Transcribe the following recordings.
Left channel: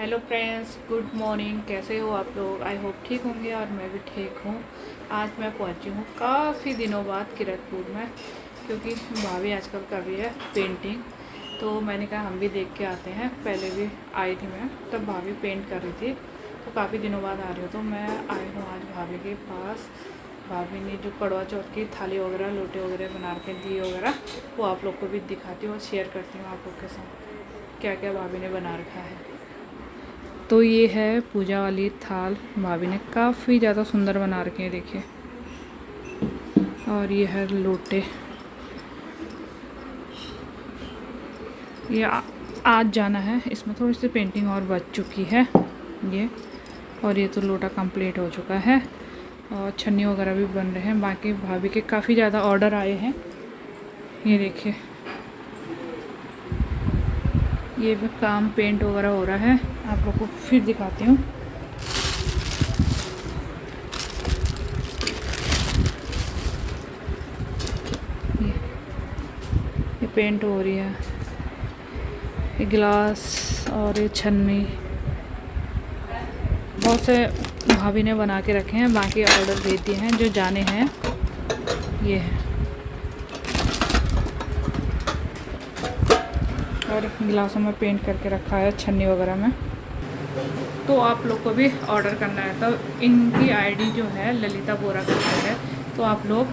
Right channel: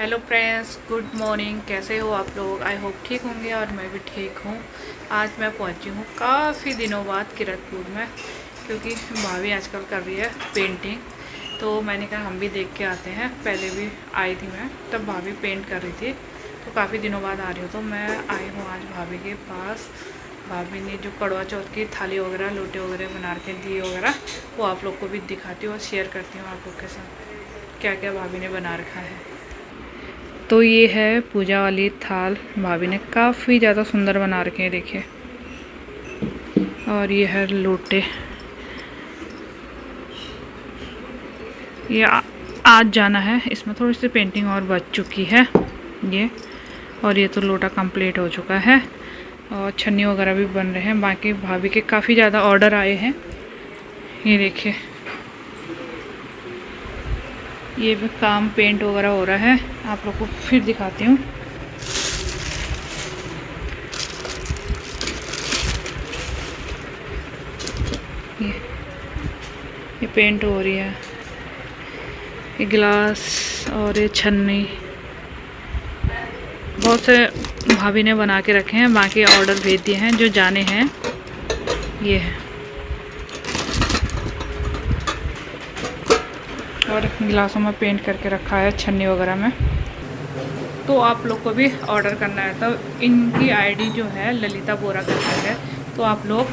Hello friends, good morning. कैसे हो आप लोग? आई होप ठीक होंगे और मैं भी ठीक हूँ। आज मैं पहुँची हूँ काफ़ी दिनों बाद किरतपुर में, क्योंकि भाभी आजकल कर रही है पेंटिंग। तो मैंने कहा हम भी देख के आते हैं। पहले भी आई थी मैं, तब भाभी पेंट कर रही थी, तो काफ़ी दिनों बाद आ रही हूँ। तो मैं आई हूँ आज भाभी के पास। भाभी ने जो करवा चौथ की थाली वगैरह, लोटे वगैरह बना के दिए वगैरह, वो आप लोग को भी दिखाती हूँ और शेयर करती हूँ आप लोग के साथ क्या क्या भाभी ने बना रखा है। तो ये है पूजा वाली थाल। भाभी ने काफ़ी ज़्यादा सुंदर बना रखे हैं, देखिए। और ये है लोटे। ये आज जाना है, इसमें थोड़ी सी पेंटिंग और बच चुकी है ये। और ये तो लोटा कंप्लीट हो चुका है और छन्नी वगैरह भी बन रहे हैं। बाकी भाभी के काफ़ी ज़्यादा ऑर्डर आए हैं। ये देखिए, ये भी काम पेंट वगैरह हो रहा है। आप लोग को फिर दिखाती हूँ। ये पेंट हो रही है, ये गिलास और ये छन्नी बहुत से भाभी ने बना के रखे हैं। बाकी ऑर्डर भेज दिए हैं जो जाने हैं। ये है, और गिलासों में पेंट करके रखा है, छन्नी वगैरह में। तो आप लोग को भी ऑर्डर करना है तो इनकी आईडी जो है ललिता बोरा करके है, तो आप लोग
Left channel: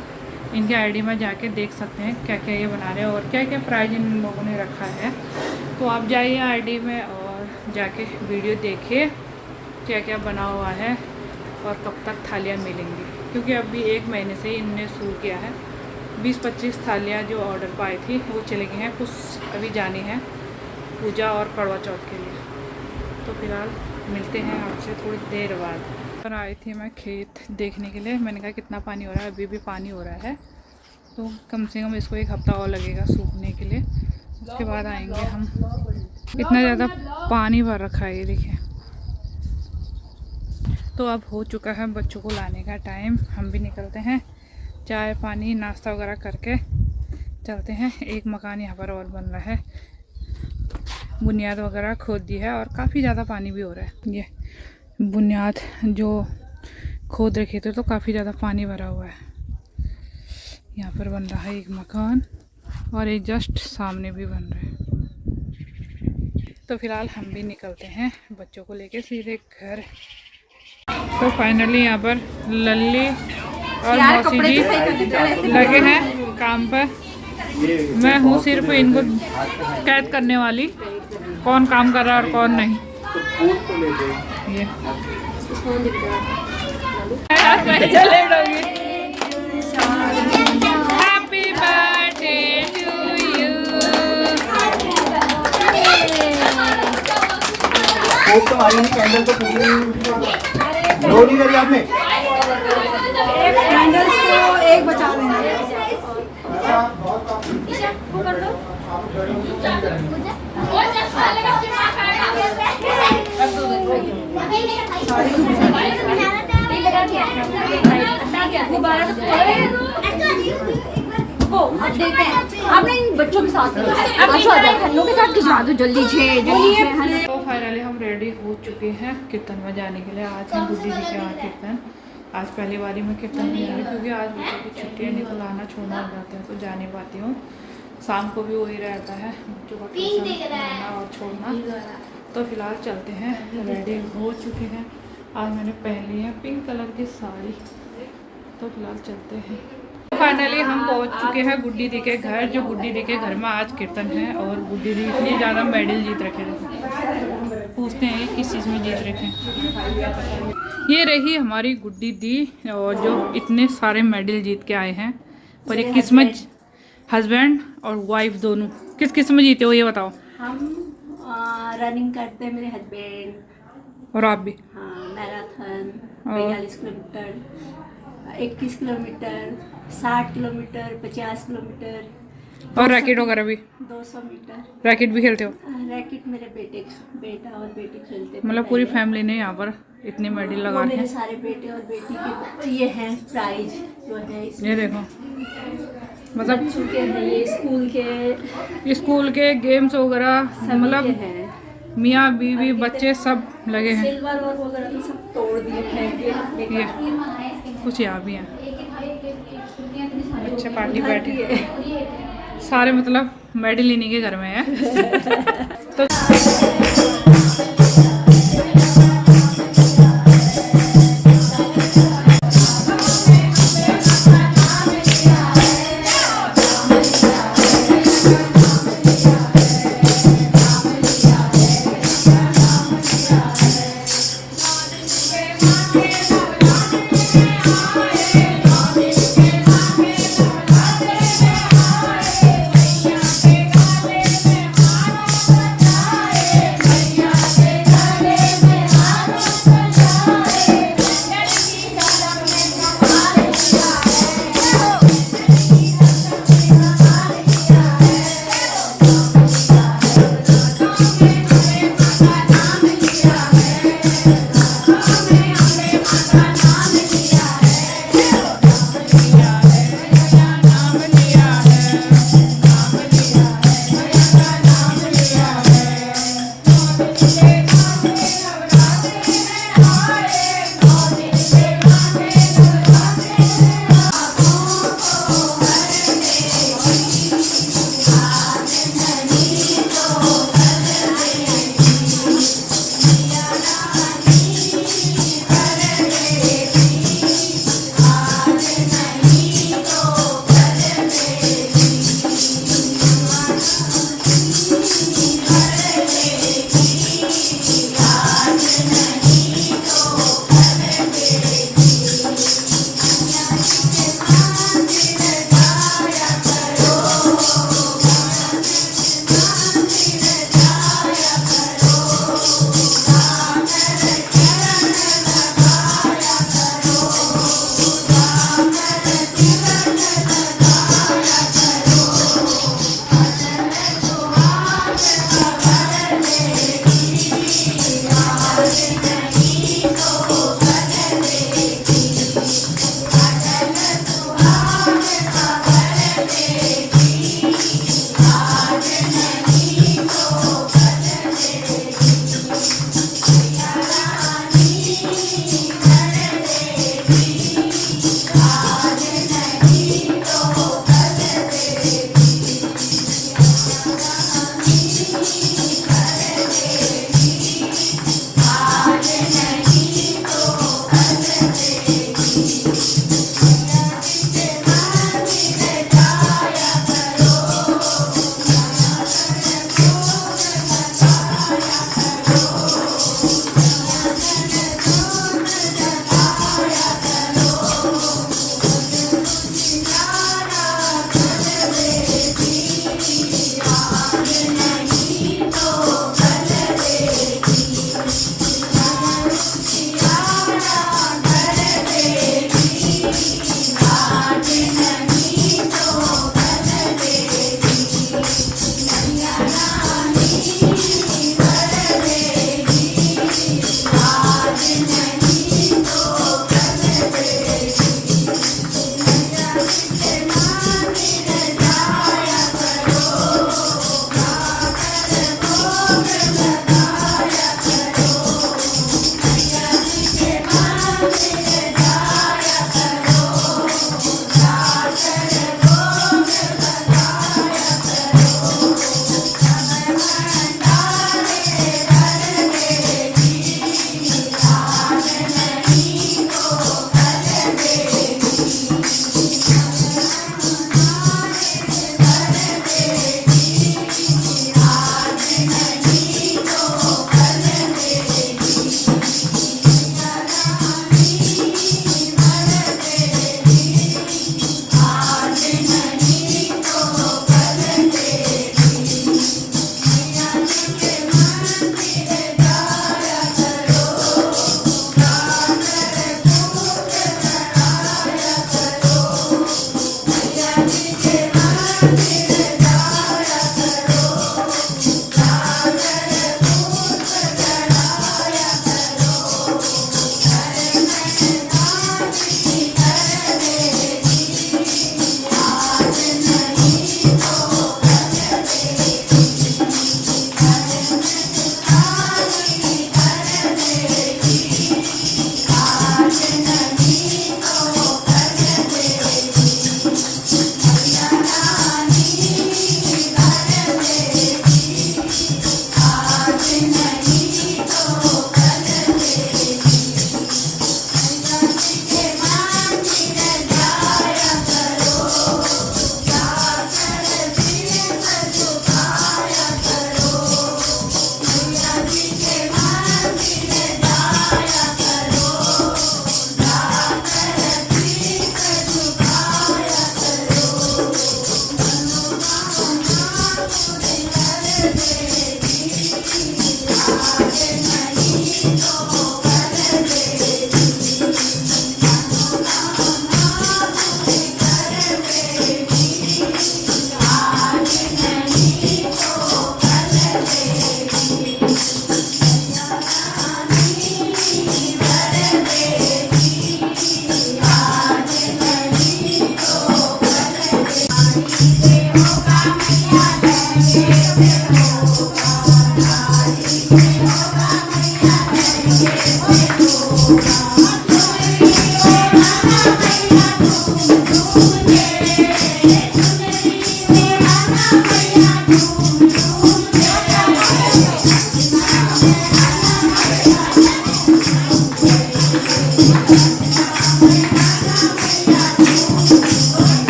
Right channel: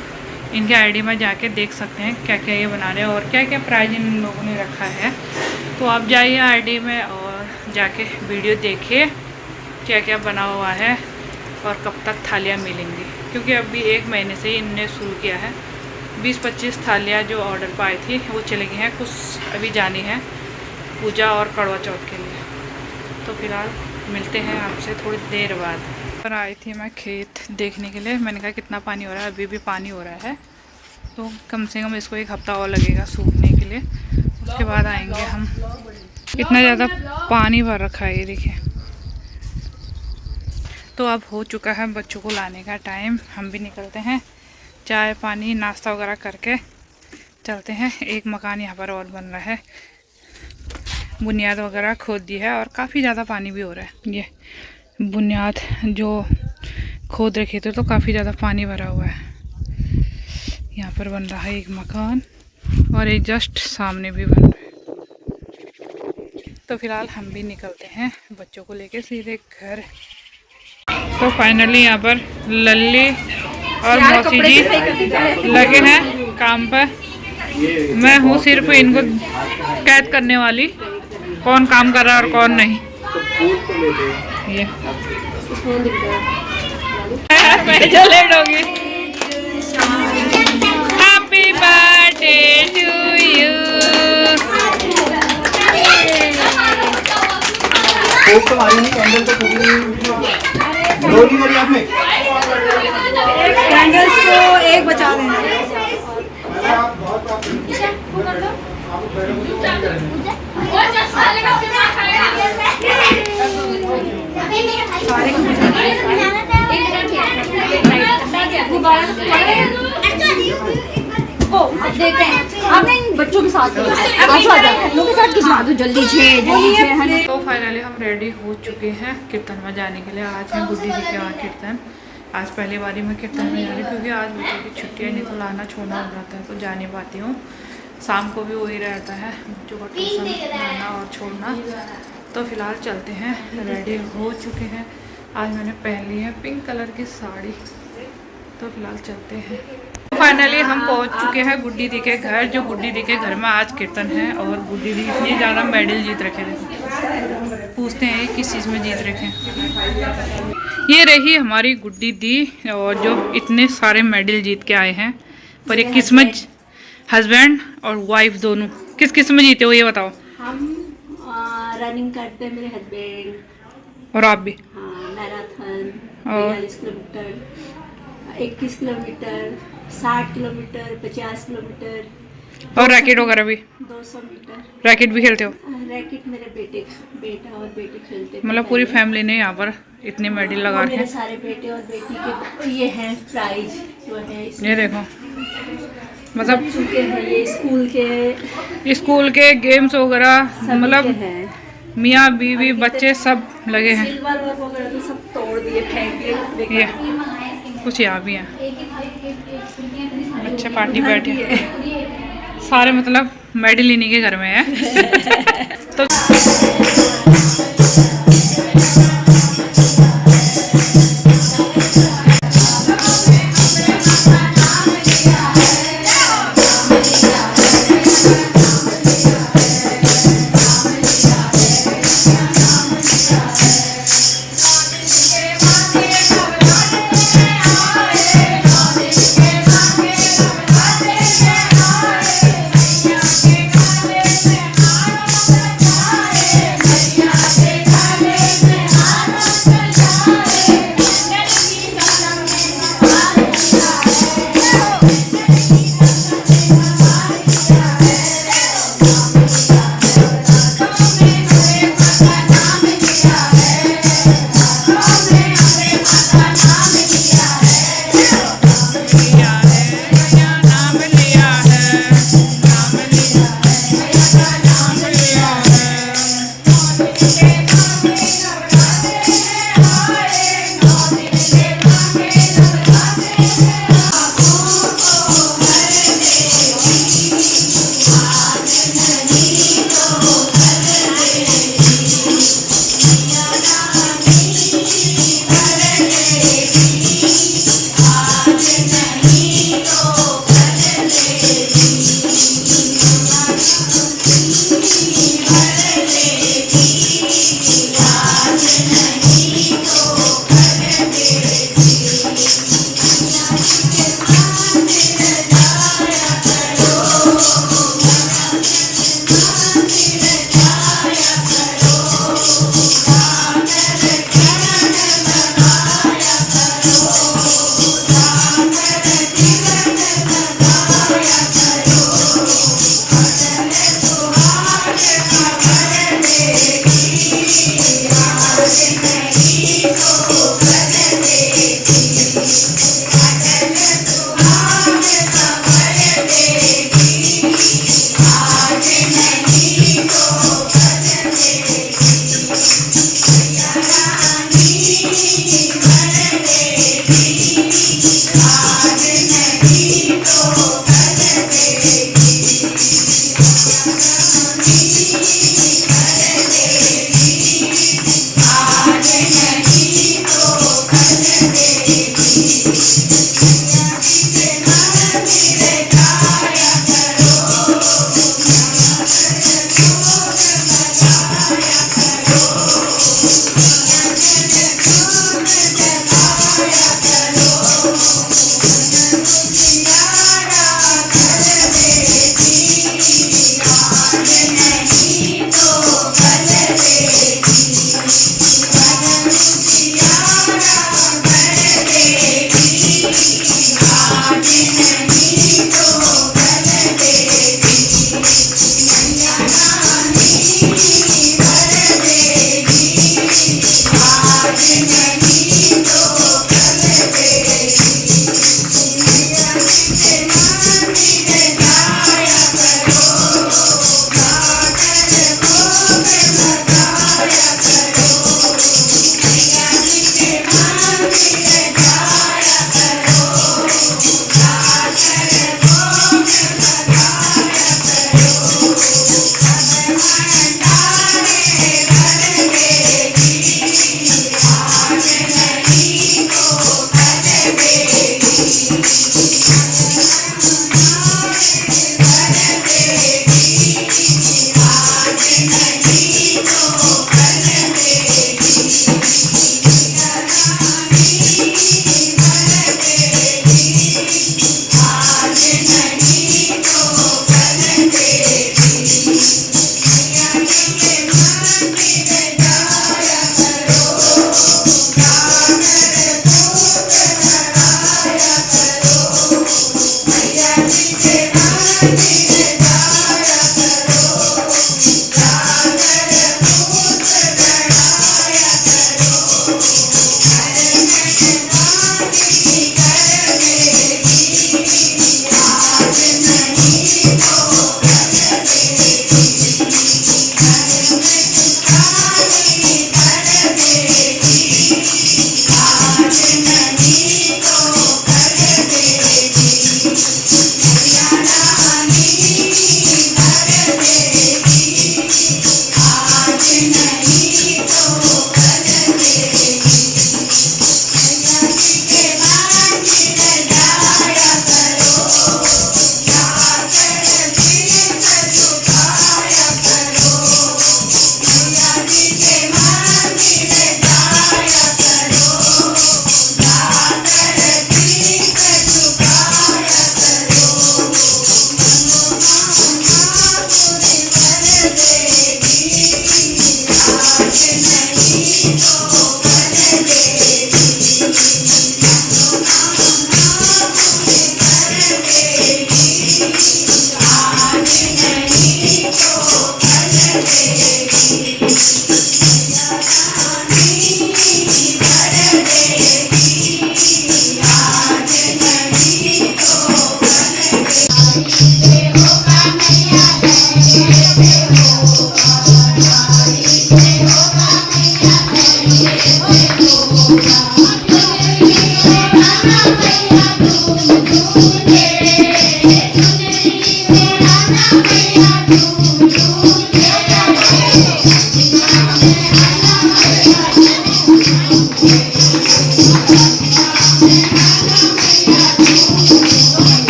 इनके आईडी में जाके देख सकते हैं क्या क्या ये बना रहे हैं और क्या क्या प्राइस इन लोगों ने रखा है। तो आप जाइए आईडी में और जाके वीडियो देखिए क्या क्या बना हुआ है और कब तक थालियाँ मिलेंगी, क्योंकि अभी 1 महीने से ही इनने शुरू किया है। 20-25 थालियाँ जो ऑर्डर पर आई थी वो चली गई हैं, कुछ अभी जानी है पूजा और करवा चौथ के लिए। तो फिलहाल मिलते हैं आपसे थोड़ी देर बाद। पर आई थी मैं खेत देखने के लिए। मैंने कहा कितना पानी हो रहा है, अभी भी पानी हो रहा है, तो कम से कम इसको 1 हफ्ता और लगेगा सूखने के लिए, उसके बाद आएंगे हम। इतना ज़्यादा पानी भर रखा है, ये देखिए। तो अब हो चुका है बच्चों को लाने का टाइम, हम भी निकलते हैं। चाय पानी नाश्ता वगैरह करके चलते हैं। एक मकान यहाँ पर और बन रहा है, बुनियाद वगैरह खोद दी है और काफ़ी ज़्यादा पानी भी हो रहा है। ये बुनियाद जो खोद रखे थे तो काफ़ी ज़्यादा पानी भरा हुआ है। यहाँ पर बन रहा है एक मकान और एक जस्ट सामने भी बन रहा है। तो फिलहाल हम भी निकलते हैं बच्चों को लेके सीधे घर। तो फाइनली यहाँ पर लल्ली और मौसी जी लगे हैं काम पर। मैं हूँ सिर्फ इनको कैद करने वाली, कौन काम कर रहा है और कौन नहीं। ये मैं लेट होगी। Happy birthday to you. Candles को एक बचा लेना। आपने इन बच्चों के साथ खिंचवा दो जल्दी जल्दी। तो फाइनली हम रेडी हो चुके हैं कीर्तन में जाने के लिए। आज है गुड्डी जी के वहाँ कीर्तन। आज पहली बारी मैं कीर्तन में जा रही हूँ, क्योंकि आज बच्चों की छुट्टियाँ, नहीं तो लाना छोड़ना हो जाता है तो जा नहीं पाती हूँ। शाम को भी वही रहता है बच्चों का ट्यूशन लाना और छोड़ना। तो फिलहाल चलते हैं, रेडी हो चुके हैं। आज मैंने पहन ली है पिंक कलर की साड़ी। तो फिलहाल चलते हैं। फाइनली हम पहुंच चुके हैं गुड्डी दी के घर। जो गुड्डी दी के घर में आज कीर्तन है और गुड्डी दी इतनी ज़्यादा मेडल जीत रखे थे। पूछते हैं ये किस चीज़ में जीत रखे। ये रही हमारी गुड्डी दी, और जो इतने सारे मेडल जीत के आए हैं। पर एक किस्मत, हस्बैंड और वाइफ दोनों किस किस में जीते हो ये बताओ। हम रनिंग करते हैं, मेरे हस्बैंड और आप भी। हाँ, मैराथन और 42 किलोमीटर, 21 किलोमीटर, 60 किलोमीटर, 50 किलोमीटर, और रैकेट वगैरह भी। 200 मीटर। रैकेट भी खेलते हो? रैकेट मेरे बेटा और बेटी खेलते हैं। मतलब पूरी फैमिली ने यहाँ पर इतने मेडल लगा मेरे के। सारे बेटे और बेटी के ये हैं प्राइज जो है। ये देखो, मतलब चुके हैं ये स्कूल के गेम्स वगैरह, सभी मतलब के हैं। मियाँ बीवी बच्चे सब लगे हैं। सिल्वर वगैरह तो सब तोड़ दिए, फेंक दिए। ये कुछ यहाँ भी हैं, बच्चे पार्टी बैठे सारे, मतलब मेडल इन्हीं के घर में है। तो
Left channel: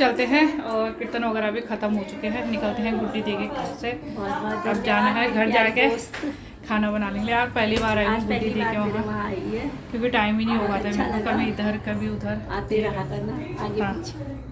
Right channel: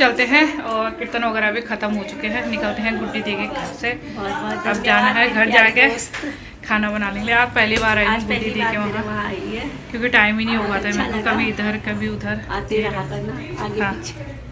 चलते हैं और कीर्तन वगैरह भी खत्म हो चुके हैं, निकलते हैं गुड्डी दी के घर से। अब जाना है घर जाके खाना बना लेंगे। यार पहली बार आई हूँ गुड्डी दी के वहाँ आई है क्योंकि टाइम ही नहीं हो पाता है मेरे को, कभी इधर कभी उधर आते रहा करना आगे हाँ। पीछे।